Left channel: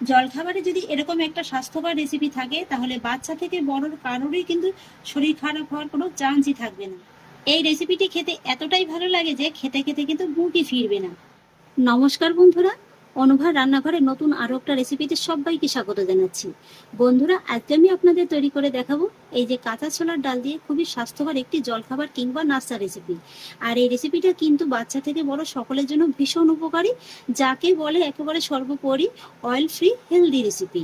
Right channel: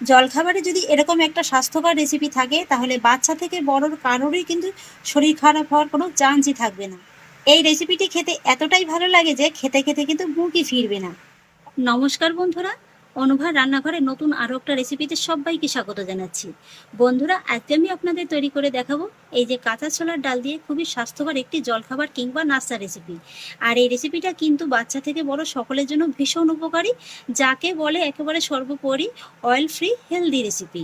জলখাবারে যদি এরকম একটা স্বাস্থ্যকর রেসিপি থাকে, তাহলে বাচ্চা থেকে বড়র কারোরই কিন্তু শরীর খারাপ হওয়ার কোনো চান্সই থাকবে না। এই রেসিপিটি খেতে এতটাই ভালো লাগে যে খেতে খেতে কিন্তু বুকই ফিরবে না। নমস্কার বন্ধুরা অনুভার রান্নাঘরে নতুন আরও একটা রেসিপিতে সবাইকে স্বাগত জানাচ্ছি। বন্ধুরা, আজকে আমি আপনাদের তৈরি করে দেখাবো এই যে কাঁচা ছোলার ডাল দিয়ে খুবই স্বাস্থ্যকর একটি জলখাবার কিংবা নাস্তা রেসিপি আর এই রেসিপিটা কিন্তু বাচ্চা থেকে বড় সকলের জন্য ভীষণ উপকারী, যাকে বলে একেবারে সর্বোপরি অয়েল ফ্রি হেলদি রেসিপি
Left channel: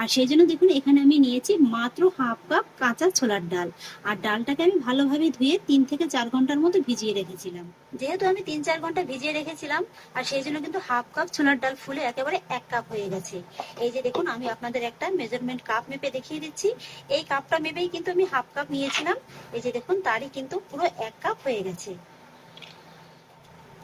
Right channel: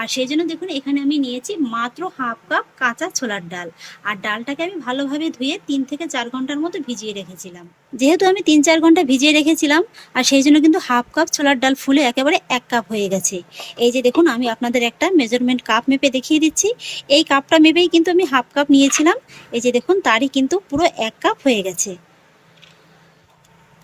আর সেই জন্য দেখুন, এখানে আমি নিয়েছি মাত্র হাফ কাপ কাঁচা ছোলার ডাল। আর ডালটাকে আমি ভালোভাবে ধুয়ে তিন থেকে চার ঘণ্টার মতো ভিজিয়ে রেখেছিলাম। যেহেতু আমি তিন চার ঘণ্টা ভিজিয়ে রেখেছিলাম, আর সেই জন্য কিন্তু হাফ কাপ ছোলার ডাল ফুলে একেবারে এক কাপ হয়ে গেছে। এই যে দেখুন, আমি আপনাদের একটা মেজারমেন্ট কাপ মেপে দেখিয়ে দিচ্ছি। এই কাপটা মেপেই কিন্তু আমি হাফ কাপ নিয়েছিলাম। এই যে দেখুন, তারই কিন্তু পুরো এক কাপ হয়ে গেছে।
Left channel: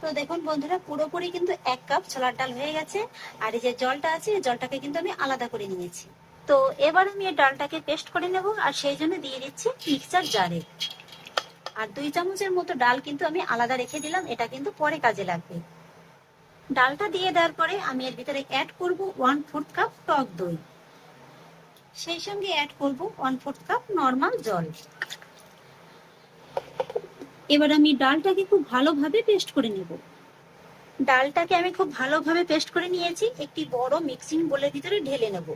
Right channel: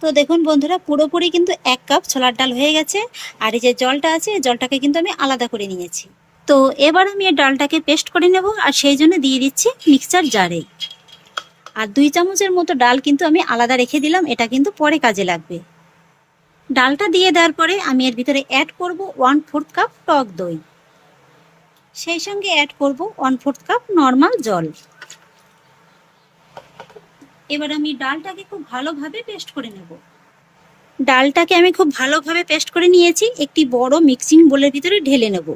তো দেখুন বন্ধুরা, পুরোপুরি কিন্তু এক কাপ ছোলার ডাল হয়ে গেছে। আর এই যে জলটা আছে জলটাকে কিন্তু আমি আলাদা করে নিয়েছি। তো এবার আমি এই ডালটাকে পেস্ট করে নেব, আর সেই জন্য দিয়ে দিচ্ছি মিক্সচার জারে। আর দুই চামচের মতো ডাল কিন্তু আমি আলাদা রেখে দিলাম, এটা কিন্তু পরে কাজে লাগবে। ডালটা দিয়ে দেওয়ার পরে আমি এর ভিতরে অ্যাড করব ওয়ান ফোর্থ কাপ টক দই। সেই সঙ্গে অ্যাড করব ওয়ান ফোর্থ কাপ নর্মাল জল। এবার আমি ডালটাকে খুব ভালোভাবে পেস্ট করে নেব। ডালটাকে আমি খুব ভালোভাবে পেস্ট করে নিয়েছি, একটি বড় মিক্সিং বোলের ভিতরে ঢেলে নেব।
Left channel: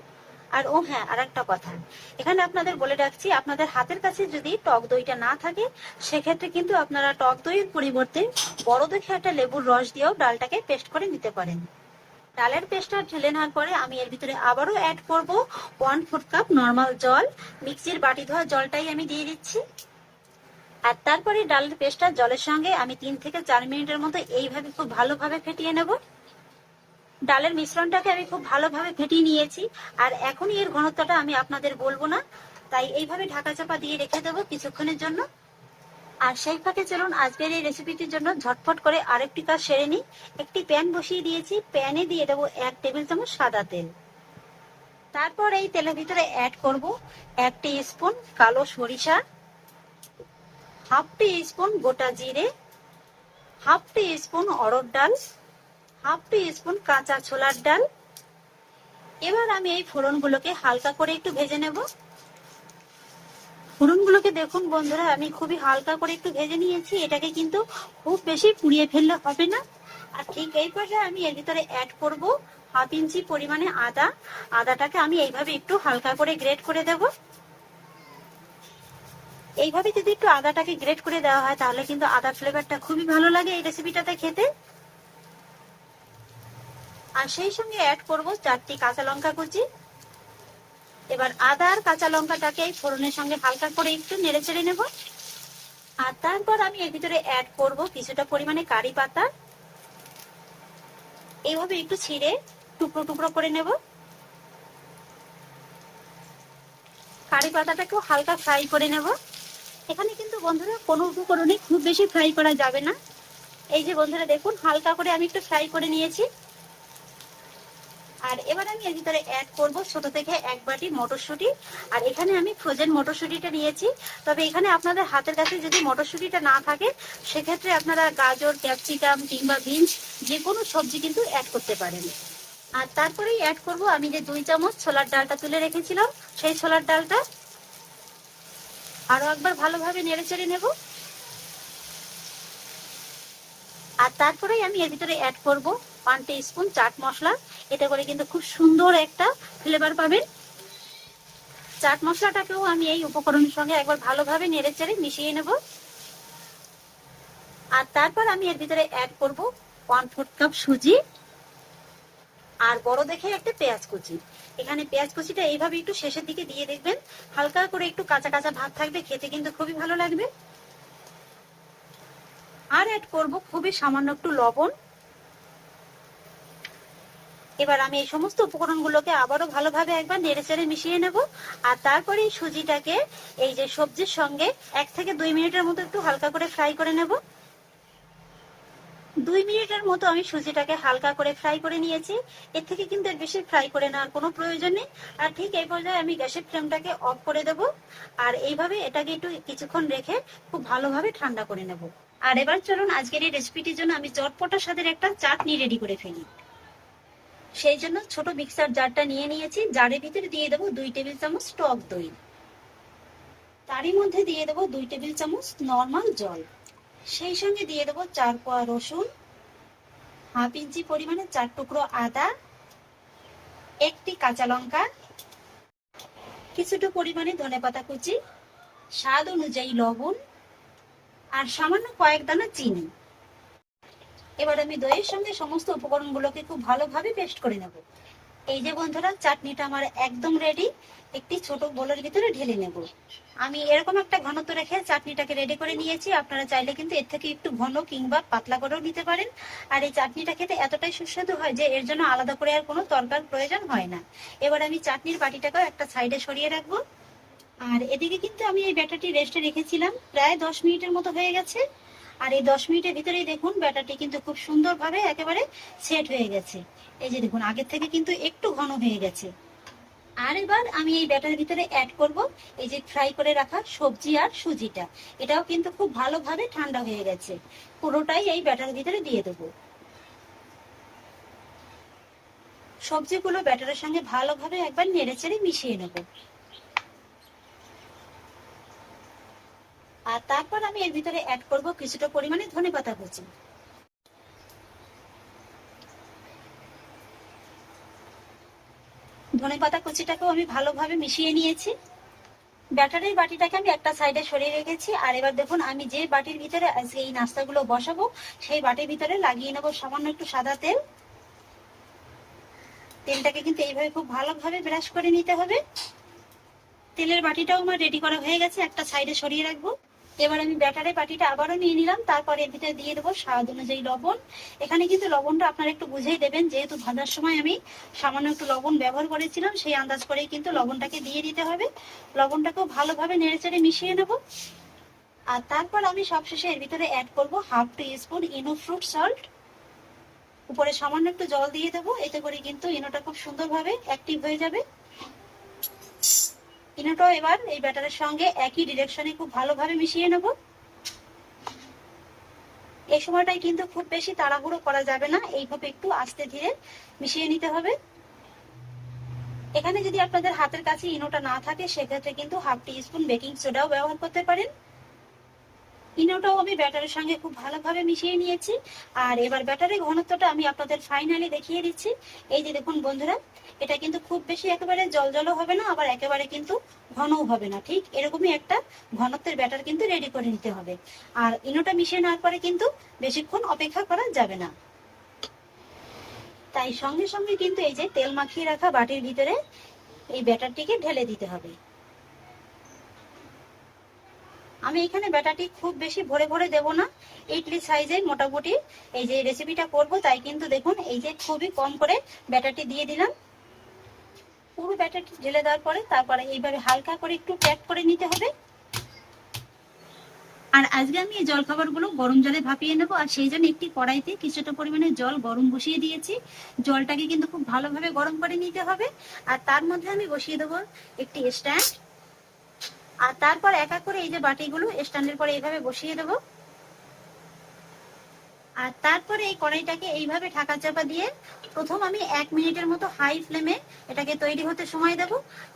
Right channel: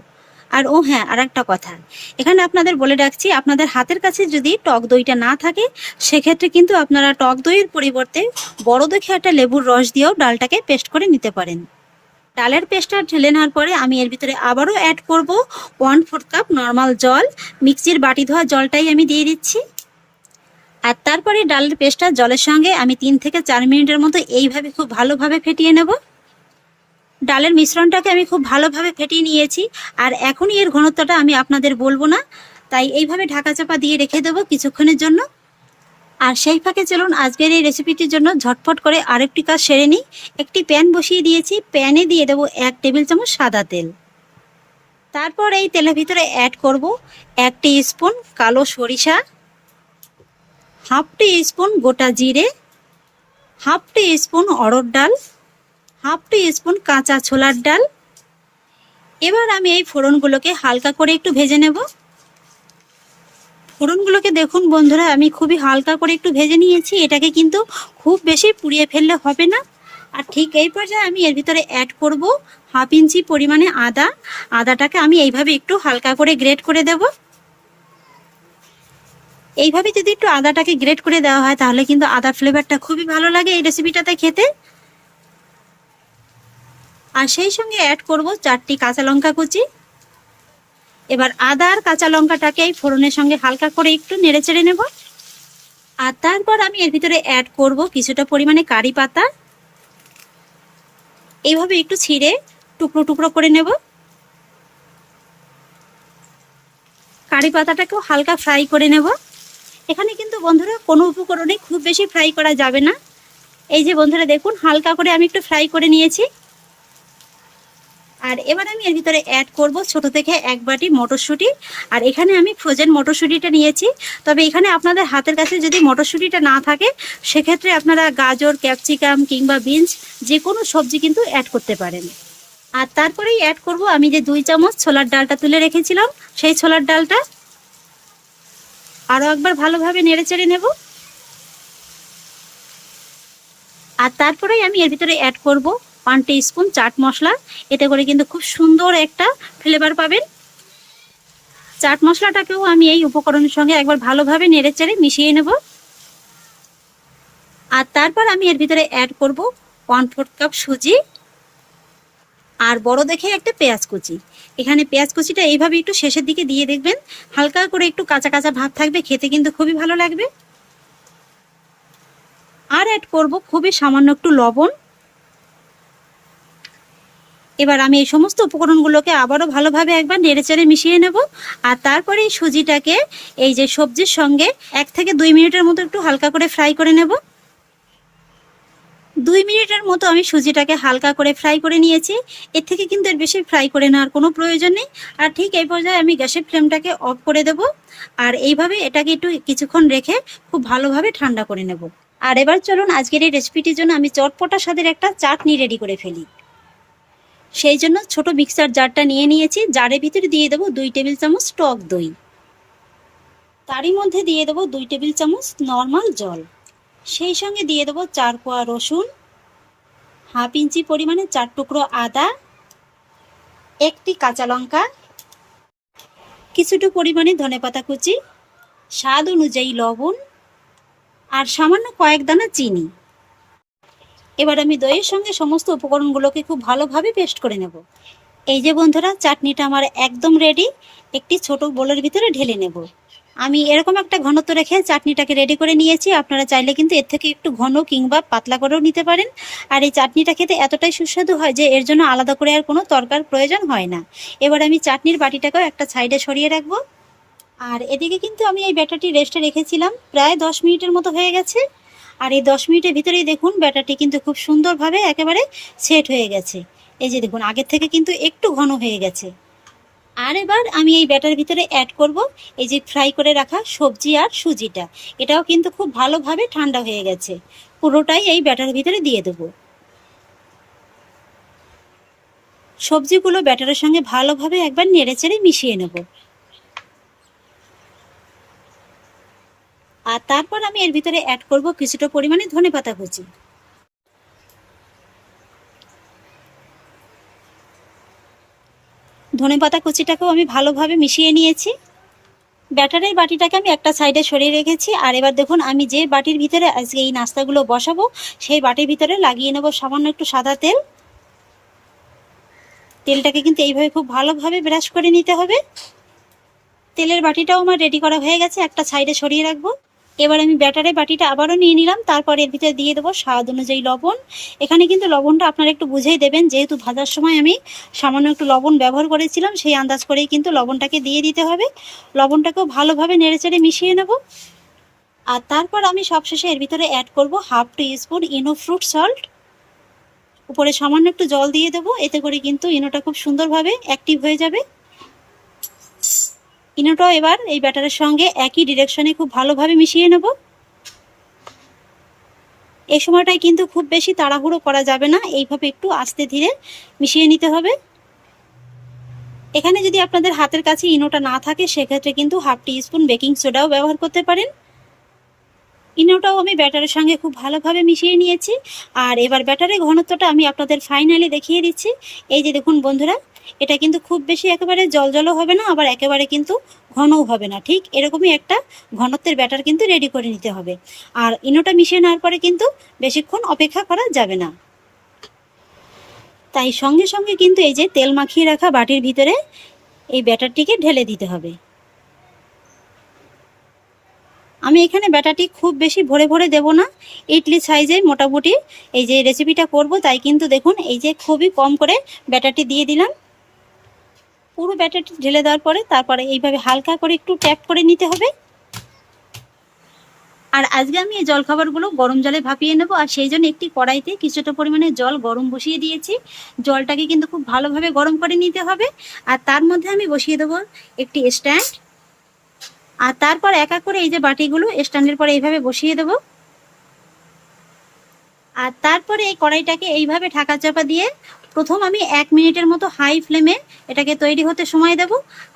আর ও হ্যাঁ আর একটা কথা। এখানে আপনাদের বলে রাখছি, আপনাদের হাতের কাছে যদি টক দইটা না থাকে, সেক্ষেত্রে কিন্তু আপনারা টক দইয়ের পরিবর্তে বড় দেখে একটা লেবুর রস দিয়েও ডালটাকে পেস্ট করে নিতে পারেন। ডালের পেস্টটা ঢেলে নেওয়ার পরে আমি এর ভিতরে আবারও অ্যাড করব ওয়ান ফোর্থ কাপ নর্মাল জল। মিক্সির বাটি ধোয়া জলটাই আমি দিয়ে দিচ্ছি। আর তারপরে ডালের পেস্টটা জলের সঙ্গে আমি তিন থেকে চার মিনিটের মতো এইভাবে খুব ভালোভাবে ফেটিয়ে নেব। ডালের মিশ্রণটাকে আমি খুব ভালোভাবে ফেটিয়ে নিয়েছি আর এখনই এর ঘনত্বটা আমি আপনাদের বলব না, তাই এইভাবে ঢাকা চাপা দিয়ে রেখে দেবো কিছুক্ষণের জন্য। আর সেই ফাঁকে চলুন, আজকের এই রেসিপিটির জন্য ঝটফট করে আরেকটি কাজ সেরে নিই। একটি প্যান বসিয়ে দিয়েছি, প্যানে দিয়ে দেবো এক টেবিল চামচ সাদা তেল। তারপর এই তেলের ভিতরে অ্যাড করব এক স্পুন কালো সরিষা হাফ টি স্পুন গোটা জিরে, হাফ টি স্পুন অড়র ডাল, হাফ টি স্পুন কাঁচা ছোলার ডাল। এবার আমি এই ফোড়নগুলোকে হালকা করে একটু ভেজে নেব। ফোড়নগুলোকে দেখুন বন্ধুরা, আমি খুবই হালকা করে একটু ভেজে নিয়েছি। এটাকে কিন্তু খুব বেশি পুড়িয়ে ফেললে হবে না। আর ঠিক এই পর্যায়ে আমি এর ভিতরে অ্যাড করব হাফ ইঞ্চি পরিমাণে আদা। আদাটাকে আমি এইভাবে একটু হালকা করে গ্রেট করে দেবো। এইভাবে যদি একটু আদাটাকে গ্রেট করে দেওয়া হয়, তাহলে কিন্তু আদা ফ্লেভারটা খুবই ভালো লাগে এই রেসিপিটাতে খেতে। আর সেই সঙ্গে অ্যাড করব চারটি কাঁচা লঙ্কা কুচি। এবার আদা আর কাঁচা লঙ্কাটাকে এই ফোড়নের সঙ্গে হালকা করে একটু নেড়ে চেড়ে নেব। আর তারপর আমি এর ভিতরে অ্যাড করব কিছুটা পরিমাণে কারি পাতা। এইভাবে একটু ছিঁড়ে টুকরো টুকরো করে নেব। কারি পাতাটাকেও হালকা ফ্রাই করে নেব। এখানে কিন্তু বন্ধুরা কোনো উপকরণে খুব বেশি ফ্রাই করা যাবে না। এই যে বন্ধুরা দেখুন, হালকা করে আমি একটু ফ্রাই করে নিয়েছি। আর এবার আমি এর ভিতরে অ্যাড করব ছোট থেকে এক বাটি মটরশুঁটি। আর এখানে আমি ফ্রোজেন মটরশুঁটিটা নিয়েছি। তবে এখানে আপনাদের হাতের কাছে যদি মটরশুঁটিটা না থাকে, সেক্ষেত্রে আপনারা গাজর ক্যাপসিকাম কিংবা বিনস যে কোনো সবজি কিন্তু অ্যাড করতে পারেন। আর তারপরেই অ্যাড করব আমি যে দুই চামচ ছোলার ডালটা তুলে রেখেছিলাম, সেই ছোলার ডালটা। আরও একবার ভালোভাবে নেড়ে চেড়ে নেব। আর তারপরে আমি এর ভিতরে অ্যাড করব ওয়ান স্পুন চাট মশলা। এতে করে কিন্তু খুব সুন্দর একটা ফ্লেভার পাবেন। চাট মশলাটাকেও আমি এই উপকরণের সঙ্গে একবার ভালোভাবে নেড়ে চেড়ে মিশিয়ে নেব। আর তারপর আমি এর ভিতরে অ্যাড করব ওয়ান ফোর্থ কাপ সুজি। আর বড় দেখে একটা পেঁয়াজ কুচি। এখানে পেঁয়াজ কুচিটা এইভাবে একটু শেষের দিকে দিয়ে দেখবেন। হালকা করে একটু কাঁচা কাঁচা ভাব থাকবে, খেতে কিন্তু খুবই ভালো লাগবে। আর অ্যাড করব খুবই সামান্য একটু লবণ। এবার আমি এই সমস্ত উপকরণগুলোকে আবারও ভালোভাবে একবার নেড়েচেড়ে মিশিয়ে নেব। আর তারপরে এই সুজিটাকে এই যে সবজির সঙ্গে এক থেকে দুই মিনিটের মতো একটু হালকা করে ফ্রাই করে নেব। দুই মিনিটের মতো আমি সুজিটাকে হালকা করে ফ্রাই করে নিয়েছি। এর থেকে কিন্তু এর বেশি ফ্রাই করে নেওয়ার কোনো প্রয়োজন নেই। আর ঠিক এই পর্যায়ে আমি গ্যাসের ফ্লেমটাকে অফ করে দেব। আর এইভাবে এটাকে একটু কিছুক্ষণ রেখে খুব ভালোভাবে ঠান্ডা করে নেব। আর এবার চলুন আজকের এই রেসিপিটির জন্য আমি চটপটা স্বাদের একটা চাটনি রেডি করে ফেলি। সেই জন্য ছোট মিক্সার জারটা নিয়ে নিয়েছি। জারের ভিতরে দিয়ে দেবো দুই টেবিল চামচ টক দই। তারই মধ্যে দিয়ে দেবো দুই টেবিল চামচ নর্মাল জল। সেই সঙ্গে দিয়ে দেবো চার কোয়া রসুন, হাফ ইঞ্চি পরিমাণে চার টুকরো আদা, একটি কাঁচা লঙ্কা কিছুটা পরিমাণে ধনেপাতা কুচি, স্বাদ অনুযায়ী লবণ আর সামান্য কয়েক দানা চিনি। এবার আমি দইয়ের সঙ্গে সমস্ত উপকরণগুলোকে খুব ভালোভাবে পেস্ট করে নেব। এই যে বন্ধুরা, চাটনিটা আমার একদম রেডি একটি ছোট বোলের ভিতরে ঢেলে নেব। আমি এরকম একটা ঘনত্ব রেখে চাটনিটাকে রেডি করে নিয়েছি। আপনারা চাইলে কিন্তু এর থেকে একটু ঘন কিংবা পাতলা করেও নিতে পারেন। আর এই চাটনিটা খেতে এতটাই সুস্বাদু হয় যে এর জন্য আলাদা করে আর কোনো তরকার প্রয়োজন হয় না। এবার আমি চাটনির বাটিটাকেও একটা সাইডে সরিয়ে রাখব। আর এদিকে কিন্তু আমি এই ব্যাটারটি রেস্টে রেখেছিলাম। প্রায় দশ মিনিটের মতো হয়ে গেছে। আর এই দশ মিনিটের ভিতরেই দেখুন, ব্যাটারটি কিন্তু খুব সুন্দরভাবে একেবারে সেট হয়ে গেছে। এই যে দেখুন, আগের থেকে কিন্তু একটু ঘন হয়ে গেছে। আর এবার আমি এই ব্যাটার ভিতরে অ্যাড করব, এই যে ফ্রাই করে রাখা সবজি আর সুজিটা। এটাও কিন্তু খুব ভালোভাবে ঠান্ডা হয়ে গেছে। পুরোটাই এই ব্যাটার ভিতরে দিয়ে দেবো। সবজিগুলো ব্যাটারের সঙ্গে ভালোভাবে একবার নেড়েচেড়ে মিশিয়ে নেব। আর তারপর আমি এর ভিতরে অ্যাড করব কিছুটা পরিমাণে ধনেপাতা কুচি। ধনেপাতা কুচিটাকেও আমি ভালোভাবে মিশিয়ে নিয়েছি। ব্যাটারের বাটিটাকে আমি একটা সাইডে সরিয়ে রেখেছি। আর এবার দেখুন, আমি যে বাটির ভিতরে আজকে এই নাস্তাগুলো বসাবো, সেই বাটির ভিতরে লাগিয়ে নেব সামান্য একটু সাদা তেল। তেলটাকে কিন্তু এইভাবে খুব ভালোভাবে ব্রাশ করে নিতে হবে। তেলের বাটিটাও আমার রেডি করা হয়ে গেছে, একটা সাইডে সরিয়ে রাখব। এবার আমি ব্যাটারের বাটিটা আবারও নিয়ে নিলাম, তারপর এর ভিতরে দিয়ে দেবো স্বাদ অনুযায়ী লবণ। এখানে কিন্তু লবণটা আপনারা একটু বুঝেই দেবেন, যেহেতু ভাজার সময় আমি সামান্য একটু লবণ ব্যবহার করেছিলাম, সেই আন্দাজ করেই কিন্তু লবণটাকে দিয়ে দিতে হবে। লবণটাকেও ভালোভাবে নেড়েচেড়ে মিশিয়ে নেব। আর তারপর আমি সবশেষে এর ভিতরে অ্যাড করব half teaspoon Eno fruit salt উপরে সামান্য একটু জল দিয়ে দেবো, এতে করে কিন্তু ইনোটা খুব সুন্দরভাবে অ্যাক্টিভ হয়ে যাবে। ইনোটাও এবার এই ব্যাটারের সঙ্গে একই ডিরেকশনে খুব ভালোভাবে মিশিয়ে নেব। এই সময়টায় কিন্তু খুব বেশি তাড়াহুড়ো করা যাবে না, এইভাবে একটু আস্তে ধীরে মিশিয়ে নিতে হবে। এখানে যদি আপনাদের হাতের কাছে ইনোটা না থাকে, সেক্ষেত্রে কিন্তু হাফ টি স্পুন বেকিং সোডাও ব্যবহার করতে পারেন। ইনোটাও আমি ব্যাটারের সঙ্গে খুব ভালোভাবে মিশিয়ে নিয়েছি। আর এবার ব্যাটারের ঘনত্বটা আমি আপনাদের ফাইনালি দেখিয়ে দিচ্ছি। এই যে দেখুন বন্ধুরা এটা কিন্তু খুব বেশি একেবারে জল জলও হবে না, আবার একেবারে কিন্তু ঘনও হবে না, ঠিক? এরকমই একটা ঘনত্বের ব্যাটার কিন্তু রেডি করে নিতে হবে। আর ইনোটা মিশিয়ে নেওয়ার পরে কিন্তু বেশিক্ষণ অপেক্ষা করা যাবে না। তাই সঙ্গে সঙ্গে কিন্তু এই যে তেল মাখিয়ে রাখা বাটির ভিতরে এই ব্যাটারটিকে ঢেলে দিতে হবে। আমি এখানে ব্যাটারটি খুব বেশি ভরে ভরে দেব না, ইডলি সাইজে মোটামুটি এই যে রেসিপিটা করব, তাই কিন্তু দেখুন, এই যে খুবই কম করে ব্যাটারটি দিয়ে দিলাম। পুরো ব্যাটারটি ঢেলে দেওয়ার পরে তারপরে এইভাবে হালকা করে একটু ট্যাপ করে নিতে হবে। আর আজকে আমি এই জলখাবারগুলো গরম জলে ভাপিয়ে নেব, আর সেই জন্য একটি কড়াইতে কিছুটা পরিমাণে জল গরম বসিয়ে দিয়েছি। জলটাকে কিন্তু খুব ভালোভাবে গরম করে নিতে হবে। আর তার মধ্যে আমি বসিয়ে দেবো একটি স্ট্যান্ড আর তারপর এক এক করে এই যে বাটিগুলো স্ট্যান্ডের পরে এইভাবে বসিয়ে দেবো। আর তারপরে এই কড়াইটাকে এইভাবে ঢাকা চাপা দিয়ে প্রথম আমি এক মিনিটের মতো হাই ফ্লেমে এটাকে তৈরি হতে সময় দেব,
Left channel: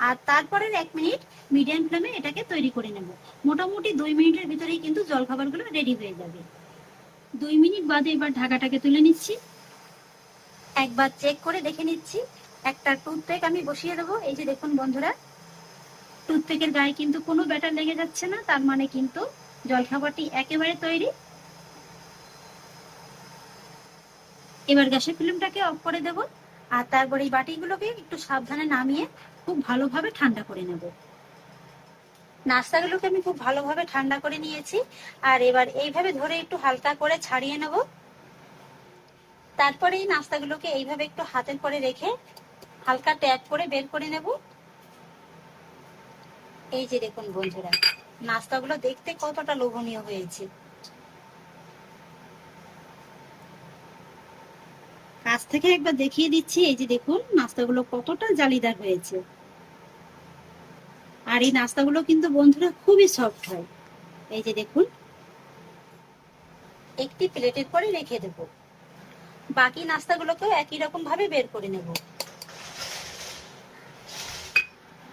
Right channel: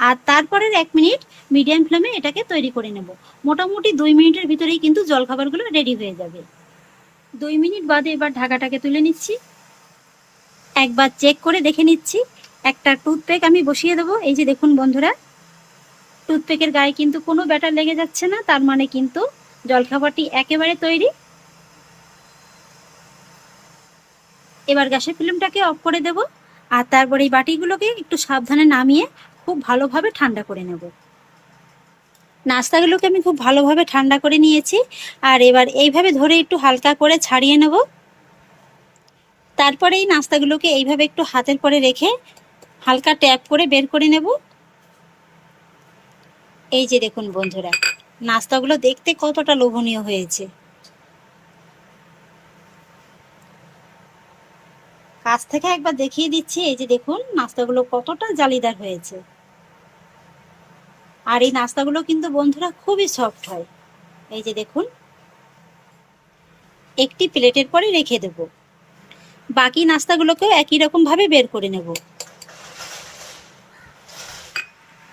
আর তারপরের এক মিনিট মিডিয়াম ফ্লেমে এটাকে তৈরি করে নেব। মোটামুটি দুই মিনিটের ভিতরেই কিন্তু জলখাবারগুলো রেডি হয়ে যাবে। দুই মিনিট বাদে এবার ঢাকাটাকে তুলে নিচ্ছি। একবার চেক করে দেখে নিচ্ছি। একটা টুথপেক আমি বসিয়ে দেবো। এই যে দেখুন বন্ধুরা টুথপেকের গায়ে কিন্তু কোনো ব্যাটার লেগে যাচ্ছে না, তার মানে কিন্তু জলখাবারটি একেবারে তৈরি। এবার গ্যাসের ফিল্মটাকে অফ করে দেব। আর তারপরে এই বাটিগুলোকে একটু সাবধানে নামিয়ে খুব ভালোভাবে ঠান্ডা করে নেব। নাস্তাগুলোকে আমি খুব ভালোভাবে ঠান্ডা করে নিয়েছি। আর এবার এইভাবে ধরে একটু হালকা করে ছাড়িয়ে নেব। তারপরে এই নাস্তাগুলোকে এইভাবে একটু হাতের পরে রেখে হালকা ট্যাপ করে বের করে নেব। এই যে দেখুন বন্ধুরা, নাস্তাগুলো দেখতে কতটা লোভনীয় হয়েছে। কাছ থেকে একবার দেখিয়ে দিচ্ছি। এই যে দেখুন, নাস্তাগুলো কতটা জালিদার হয়েছে। আর এই নাস্তাগুলো কিন্তু বন্ধুরা খুবই সফট হয়। এই যে দেখুন, একটি প্লেটের পরে রেখে দেব। বাকি নাস্তাগুলোকেও একই রকম ভাবে বের করে নেব।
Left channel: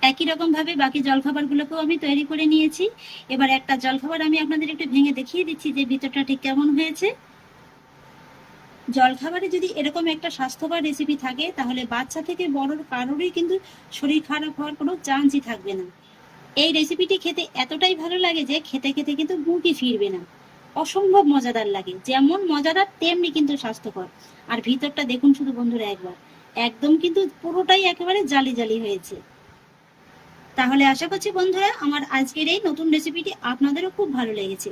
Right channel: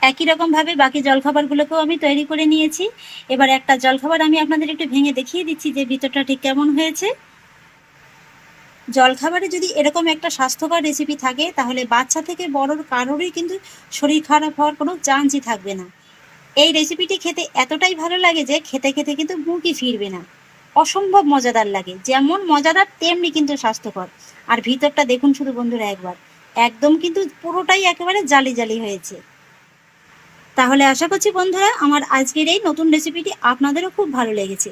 একই রকম ভাবে বাকি জলখাবারগুলোকেও আমি তৈরি করে নিয়েছি। এবার একটা জলখাবার আমি আপনাদের একটু ভেঙে দেখিয়ে দিচ্ছি যে ভিতরটা ঠিক কেমন হয়েছে। জলখাবারে যদি এরকম একটা স্বাস্থ্যকর রেসিপি থাকে, তাহলে বাচ্চা থেকে বড়র কারোরই কিন্তু শরীর খারাপ হওয়ার কোনো চান্সই থাকবে না। এই রেসিপিটি খেতে এতটাই ভালো লাগে যে খেতে খেতে কিন্তু মুখই ফিরবে না। অসম্ভব মজাদার লাগে, যেমন মজাদার তেমনি কিন্তু স্বাস্থ্যকর। আর ভিতরটা দেখুন শুধু বন্ধুরা একবার, একদম কিন্তু পুরোটাই একেবারে জালি জালি হয়েছে। তাহলে আশা করছি বন্ধুরা, আমার আজকের এই নতুন রেসিপিটি আপনাদেরও খুব ভালো লেগেছে।